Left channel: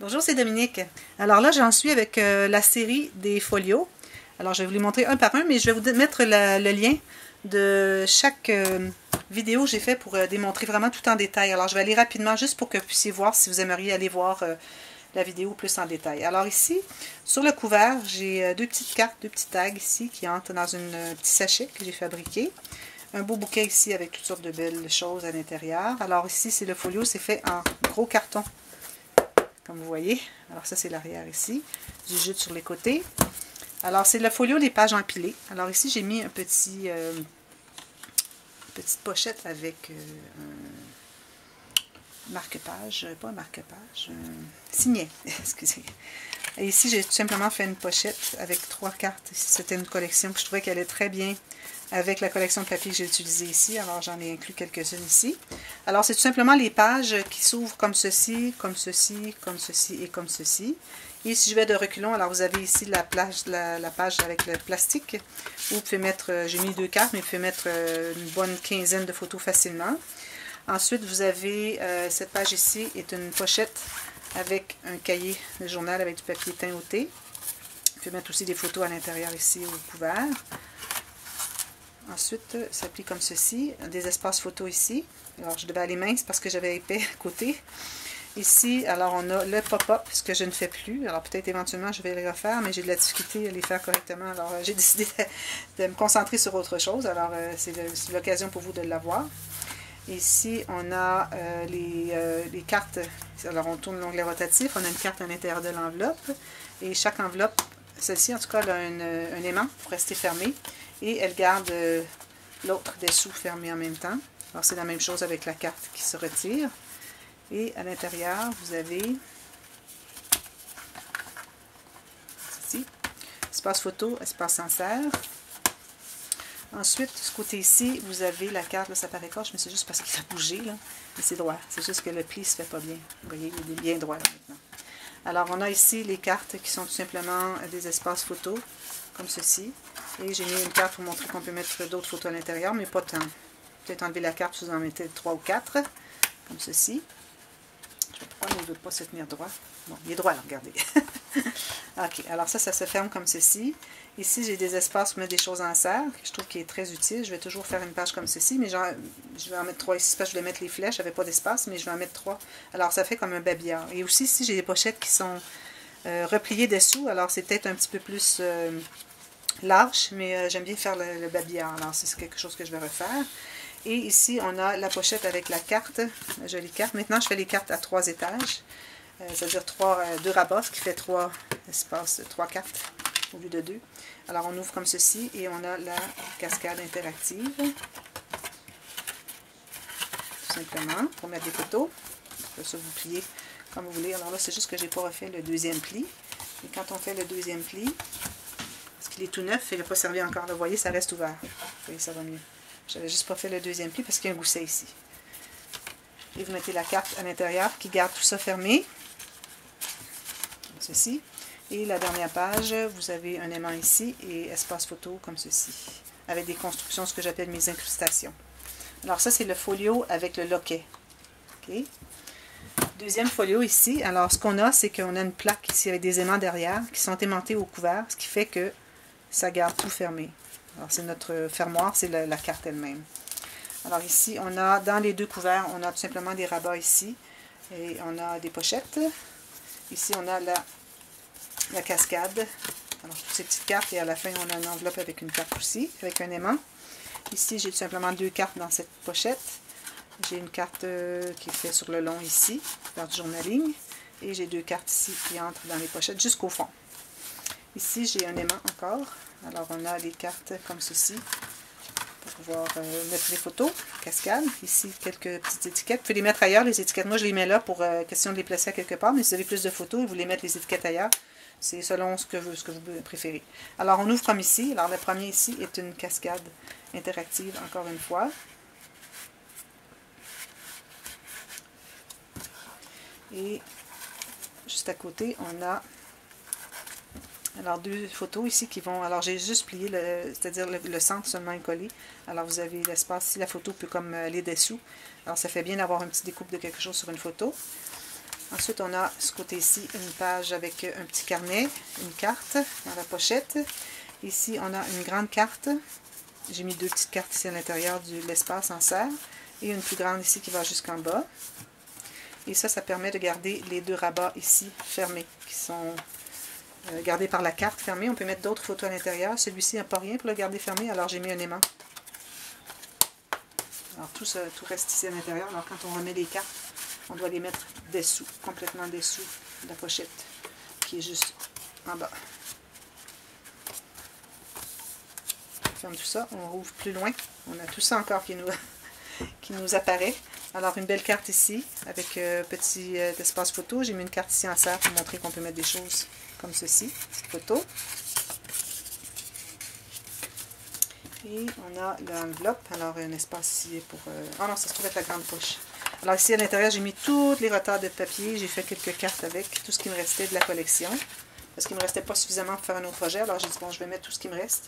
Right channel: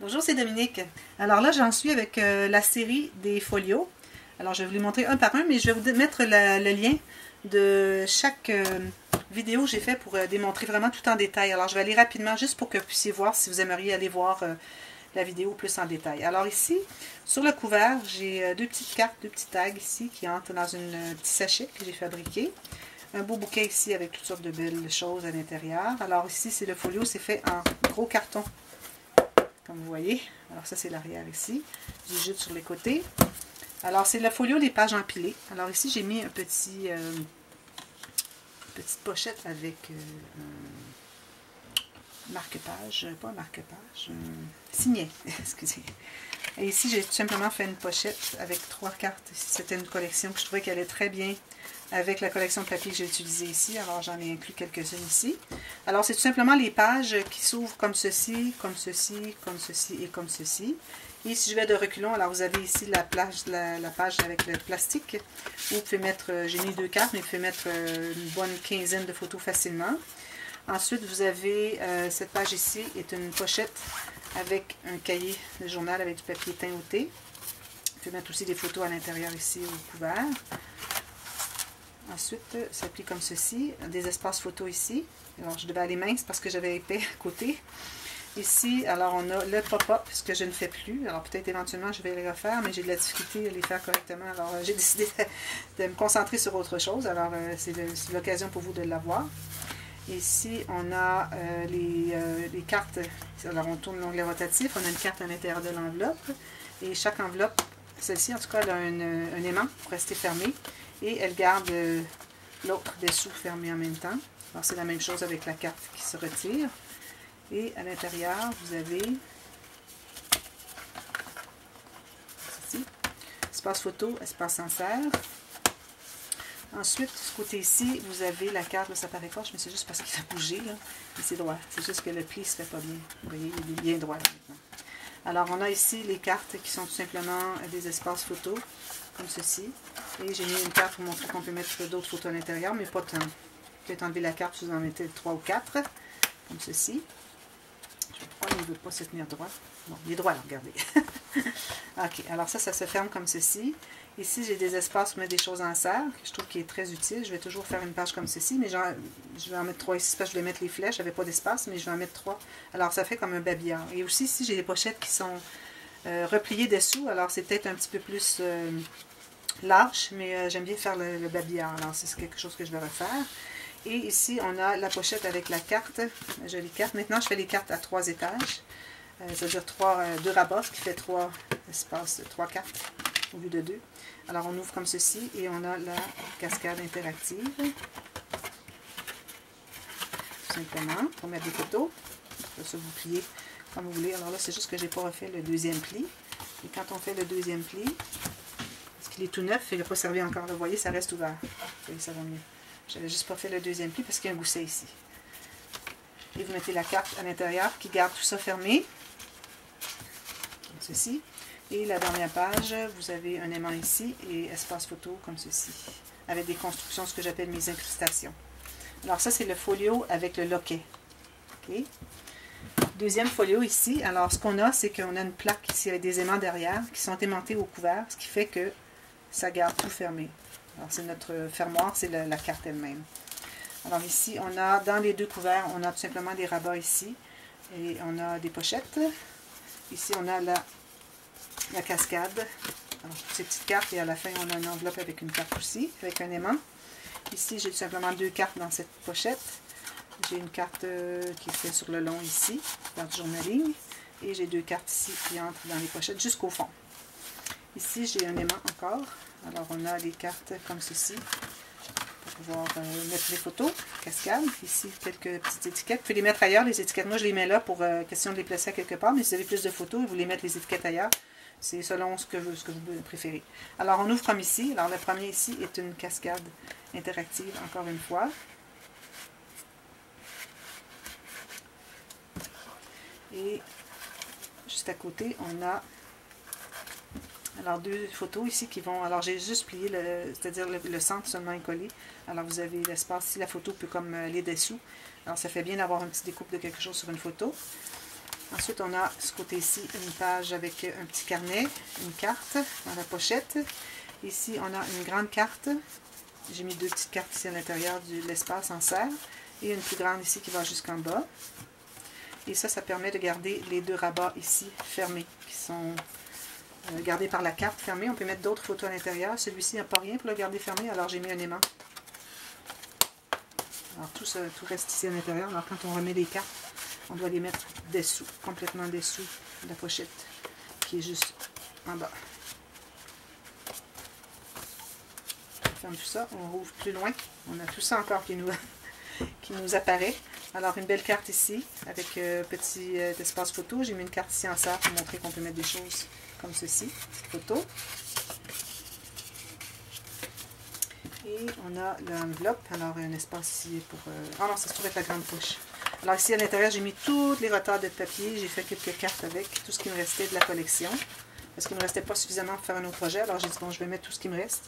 Bonjour, c'est Dominique. Alors là, j'en suis avec la série des folios. Alors, je vais vous les montrer un par un, mais je vais vous mettre le lien de chaque vidéo que j'ai fait pour démontrer vraiment tout en détail. Alors, je vais aller rapidement juste pour que vous puissiez voir si vous aimeriez aller voir la vidéo plus en détail. Alors ici, sur le couvert, j'ai deux petites cartes, deux petits tags ici qui entrent dans un petit sachet que j'ai fabriqué. Un beau bouquet ici avec toutes sortes de belles choses à l'intérieur. Alors ici, c'est le folio, c'est fait en gros carton. Comme vous voyez. Alors ça, c'est l'arrière ici. J'ai juste sur les côtés. Alors, c'est le folio, les pages empilées. Alors ici, j'ai mis un petit... petite pochette avec un marque-page. Pas un marque-page, un signet. Excusez. Et ici, j'ai tout simplement fait une pochette avec 3 cartes. C'était une collection que je trouvais qu'elle allait très bien avec la collection de papier que j'ai utilisée ici. Alors, j'en ai inclus quelques-unes ici. Alors, c'est tout simplement les pages qui s'ouvrent comme ceci, comme ceci, comme ceci et comme ceci. Et si je vais de reculons, alors vous avez ici la page avec le plastique. Où vous pouvez mettre, j'ai mis 2 cartes, mais vous pouvez mettre une bonne quinzaine de photos facilement. Ensuite, vous avez cette page ici, est une pochette avec un cahier de journal avec du papier teint au thé. Vous pouvez mettre aussi des photos à l'intérieur ici au couvert. Ensuite, ça plie comme ceci, des espaces photos ici. Alors, je devais aller mince parce que j'avais épais à côté. Ici, alors on a le pop-up, ce que je ne fais plus. Alors, peut-être éventuellement, je vais les refaire, mais j'ai de la difficulté à les faire correctement. Alors, j'ai décidé de me concentrer sur autre chose. Alors, c'est l'occasion pour vous de l'avoir. Ici, on a les cartes. Alors, on tourne l'onglet rotatif. On a une carte à l'intérieur de l'enveloppe. Et chaque enveloppe, celle-ci, en tout cas, elle a un aimant pour rester fermée. Et elle garde l'autre dessous fermé en même temps. Alors, c'est la même chose avec la carte qui se retire. Et à l'intérieur, vous avez ici, espace photo, espace insert. Ensuite, de ce côté-ci, vous avez la carte, là, ça paraît proche, mais c'est juste parce qu'il a bougé, là. Et c'est droit. C'est juste que le pli ne se fait pas bien. Vous voyez, il est bien droit, là, maintenant. Alors, on a ici les cartes qui sont tout simplement des espaces photos, comme ceci. Et j'ai mis une carte pour montrer qu'on peut mettre d'autres photos à l'intérieur, mais pas tant. Peut-être enlever la carte, vous en mettez 3 ou 4, comme ceci. Pourquoi il ne veut pas se tenir droit? Bon, il est droit, là, regardez. Ok, alors ça se ferme comme ceci. Ici, j'ai des espaces pour mettre des choses en serre, que je trouve qui est très utile. Je vais toujours faire une page comme ceci, mais genre, je vais en mettre 3 ici, parce que je vais mettre les flèches. Je n'avais pas d'espace, mais je vais en mettre 3. Alors, ça fait comme un babillard. Et aussi, ici, j'ai des pochettes qui sont repliées dessous. Alors, c'est peut-être un petit peu plus large, mais j'aime bien faire le babillard. Alors, c'est quelque chose que je vais refaire. Et ici, on a la pochette avec la carte, la jolie carte. Maintenant, je fais les cartes à 3 étages, c'est-à-dire 2 rabats, ce qui fait 3 espaces, 3 cartes au lieu de 2. Alors, on ouvre comme ceci et on a la cascade interactive, tout simplement, pour mettre des photos. Vous pouvez vous plier comme vous voulez. Alors là, c'est juste que je n'ai pas refait le deuxième pli. Et quand on fait le deuxième pli, parce qu'il est tout neuf, il n'a pas servi encore, vous voyez, ça reste ouvert. Et ça va mieux. Je n'avais juste pas fait le deuxième pli parce qu'il y a un gousset ici. Et vous mettez la carte à l'intérieur qui garde tout ça fermé. Comme ceci. Et la dernière page, vous avez un aimant ici et espace photo comme ceci. Avec des constructions, ce que j'appelle mes incrustations. Alors ça, c'est le folio avec le loquet. Okay. Deuxième folio ici. Alors ce qu'on a, c'est qu'on a une plaque ici avec des aimants derrière qui sont aimantés au couvert, ce qui fait que ça garde tout fermé. Alors, c'est notre fermoir, c'est la carte elle-même. Alors ici, on a, dans les 2 couverts, on a tout simplement des rabats ici. Et on a des pochettes. Ici, on a la cascade. Alors, toutes ces petites cartes. Et à la fin, on a une enveloppe avec une carte aussi, avec un aimant. Ici, j'ai tout simplement 2 cartes dans cette pochette. J'ai une carte qui est faite sur le long ici, dans le journaling. Et j'ai 2 cartes ici qui entrent dans les pochettes jusqu'au fond. Ici, j'ai un aimant encore. Alors, on a les cartes comme ceci pour pouvoir mettre les photos, cascade. Ici, quelques petites étiquettes. Vous pouvez les mettre ailleurs, les étiquettes. Moi, je les mets là pour question de les placer à quelque part. Mais si vous avez plus de photos et vous voulez mettre les étiquettes ailleurs, c'est selon ce que vous préférez. Alors, on ouvre comme ici. Alors, le premier ici est une cascade interactive, encore une fois. Et juste à côté, on a... Alors, 2 photos ici qui vont... Alors, j'ai juste plié, c'est-à-dire le centre seulement est collé. Alors, vous avez l'espace ici. La photo peut comme aller dessous. Alors, ça fait bien d'avoir un petit découpe de quelque chose sur une photo. Ensuite, on a ce côté-ci une page avec un petit carnet, une carte dans la pochette. Ici, on a une grande carte. J'ai mis 2 petites cartes ici à l'intérieur de l'espace en serre. Et une plus grande ici qui va jusqu'en bas. Et ça permet de garder les 2 rabats ici fermés, qui sont gardés par la carte fermée. On peut mettre d'autres photos à l'intérieur. Celui-ci n'a pas rien pour le garder fermé, alors j'ai mis un aimant. Alors tout reste ici à l'intérieur. Alors quand on remet les cartes, on doit les mettre dessous, complètement dessous de la pochette, qui est juste en bas. On ferme tout ça, on rouvre plus loin. On a tout ça encore qui nous apparaît. Alors une belle carte ici, avec petit espace photo. J'ai mis une carte ici en serre pour montrer qu'on peut mettre des choses comme ceci, petite photo. Et on a l'enveloppe, alors un espace ici pour... Ah non, ça se trouve être la grande poche. Alors ici à l'intérieur, j'ai mis tous les retards de papier, j'ai fait quelques cartes avec tout ce qui me restait de la collection. Parce qu'il ne me restait pas suffisamment pour faire un autre projet, alors j'ai dit bon, je vais mettre tout ce qui me reste.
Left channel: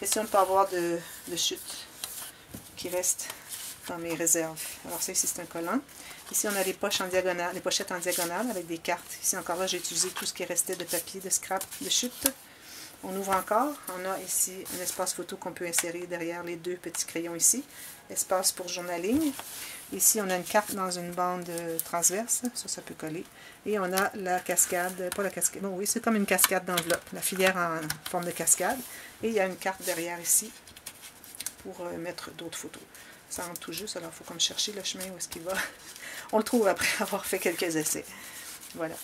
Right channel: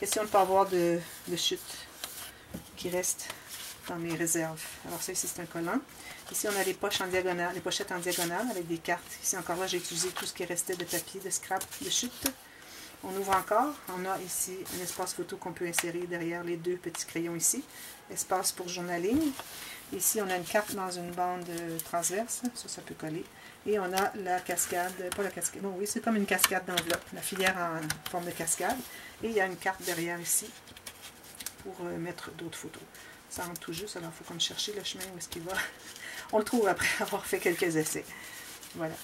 Question de ne pas avoir de chute qui reste dans mes réserves. Alors ça ici c'est un collant. Ici on a les poches en diagonale, les pochettes en diagonale avec des cartes. Ici encore là j'ai utilisé tout ce qui restait de papier, de scrap, de chute. On ouvre encore. On a ici un espace photo qu'on peut insérer derrière les 2 petits crayons ici. Espace pour journaling. Ici on a une carte dans une bande transverse. Ça peut coller. Et on a la cascade, pas la cascade, bon oui c'est comme une cascade d'enveloppe. La filière en forme de cascade. Et il y a une carte derrière ici pour mettre d'autres photos. Ça rentre tout juste, alors il faut comme chercher le chemin où est-ce qu'il va. On le trouve après avoir fait quelques essais. Voilà.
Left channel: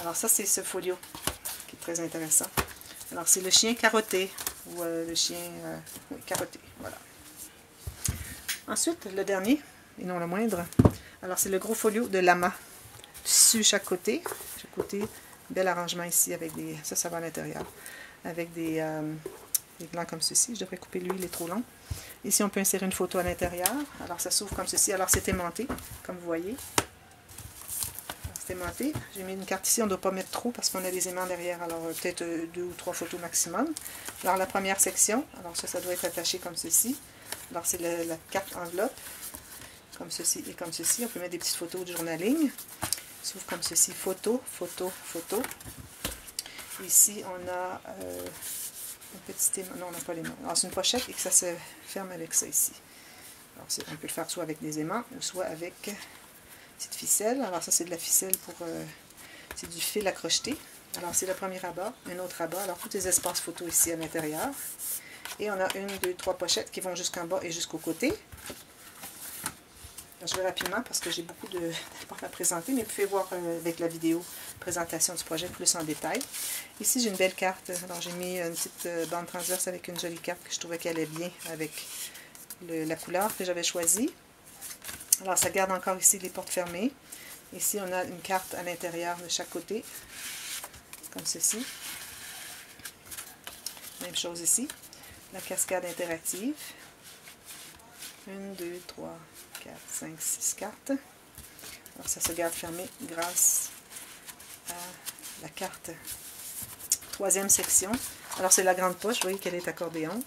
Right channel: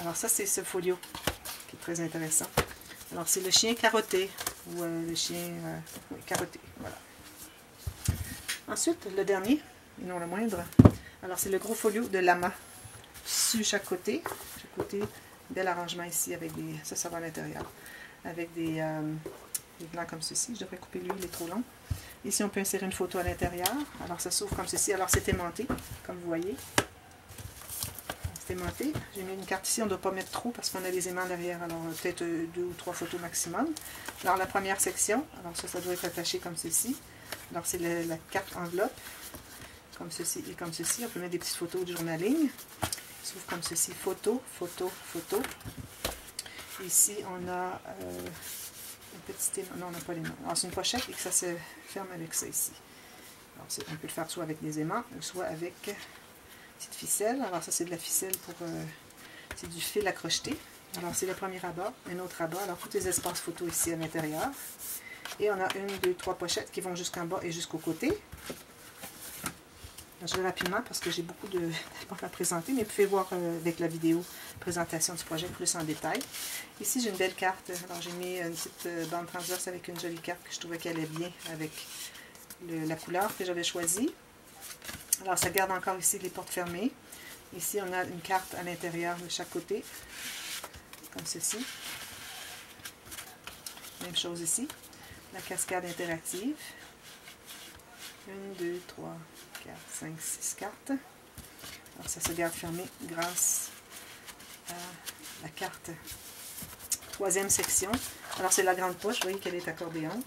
Alors ça c'est ce folio qui est très intéressant. Alors c'est le chien carotté, ou le chien oui, carotté, voilà. Ensuite, le dernier, et non le moindre, alors c'est le gros folio de lama. Tissu chaque côté, bel arrangement ici avec des, ça va à l'intérieur, avec des blancs comme ceci. Je devrais couper lui, il est trop long. Ici on peut insérer une photo à l'intérieur, alors ça s'ouvre comme ceci, alors c'est aimanté, comme vous voyez. C'est aimanté. J'ai mis une carte ici, on ne doit pas mettre trop parce qu'on a des aimants derrière, alors peut-être 2 ou 3 photos maximum. Alors la première section, alors ça doit être attaché comme ceci. Alors c'est la carte enveloppe, comme ceci et comme ceci. On peut mettre des petites photos de journaling. Ça s'ouvre comme ceci, photo, photo, photo. Ici on a un petit aimant, non on n'a pas l'aimant. Alors c'est une pochette et que ça se ferme avec ça ici. Alors on peut le faire soit avec des aimants ou soit avec petite ficelle. Alors ça c'est de la ficelle pour c'est du fil à crocheter. Alors c'est le premier rabat, un autre rabat. Alors tous les espaces photos ici à l'intérieur. Et on a 1, 2, 3 pochettes qui vont jusqu'en bas et jusqu'au côté. Je vais rapidement parce que j'ai beaucoup de à présenter, mais vous pouvez voir avec la vidéo présentation du projet plus en détail. Ici j'ai une belle carte. Alors j'ai mis une petite bande transverse avec une jolie carte que je trouvais qu'elle allait bien avec la couleur que j'avais choisie. Alors ça garde encore ici les portes fermées. Ici on a une carte à l'intérieur de chaque côté, comme ceci. Même chose ici. La cascade interactive. 1, 2, 3, 4, 5, 6 cartes. Alors ça se garde fermé grâce à la carte. 3e section. Alors c'est la grande poche, vous voyez qu'elle est accordéon.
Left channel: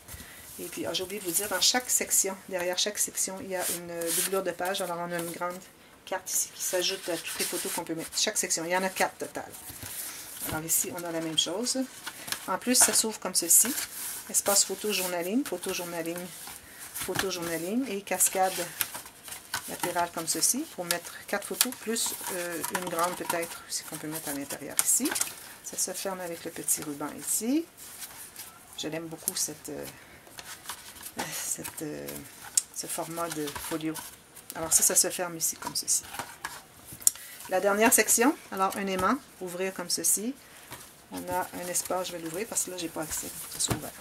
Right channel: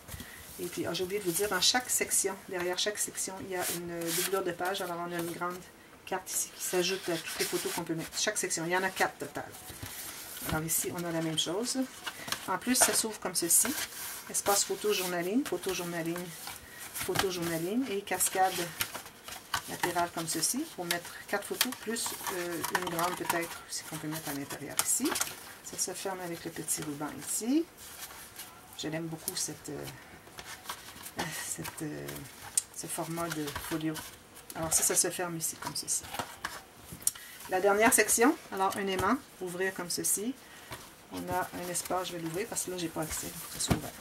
Et puis j'ai oublié de vous dire, dans chaque section, derrière chaque section, il y a une doublure de page. Alors on a une grande carte ici qui s'ajoute à toutes les photos qu'on peut mettre. Chaque section, il y en a 4 total. Alors ici, on a la même chose. En plus, ça s'ouvre comme ceci. Espace photo journaling, photo journaling, photo journaling et cascade latérale comme ceci pour mettre 4 photos plus une grande peut-être qu'on peut mettre à l'intérieur ici. Ça se ferme avec le petit ruban ici. Je l'aime beaucoup ce format de folio. Alors ça se ferme ici comme ceci. La dernière section, alors un aimant, ouvrir comme ceci. On a un espace, je vais l'ouvrir parce que là j'ai pas accès, c'est ouvert.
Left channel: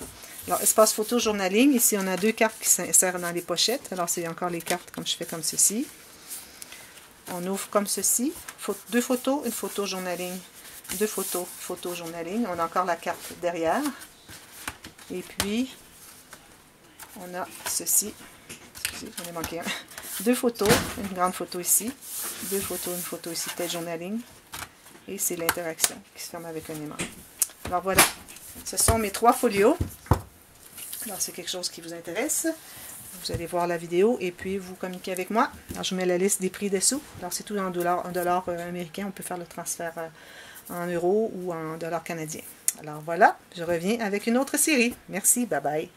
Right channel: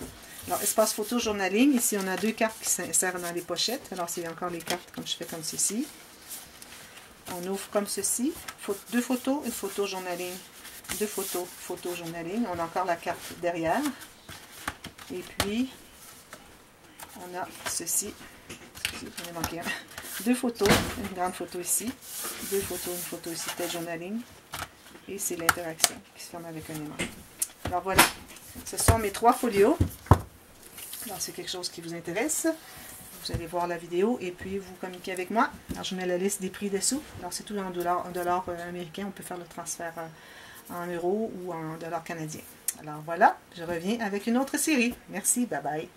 Alors espace photo journaling, ici on a 2 cartes qui s'insèrent dans les pochettes. Alors c'est encore les cartes comme je fais comme ceci. On ouvre comme ceci, 2 photos, une photo journaling, 2 photos, photo journaling. On a encore la carte derrière. Et puis on a ceci, j'en ai manqué un. 2 photos, une grande photo ici, 2 photos, une photo ici, peut-être journaling. Et c'est l'interaction qui se ferme avec un aimant. Alors voilà, ce sont mes 3 folios. Alors c'est quelque chose qui vous intéresse. vous allez voir la vidéo et puis vous communiquez avec moi. Alors, je mets la liste des prix dessous. Alors, c'est tout en dollars américains. On peut faire le transfert en euros ou en dollars canadiens. Alors, voilà, je reviens avec une autre série. Merci, bye bye.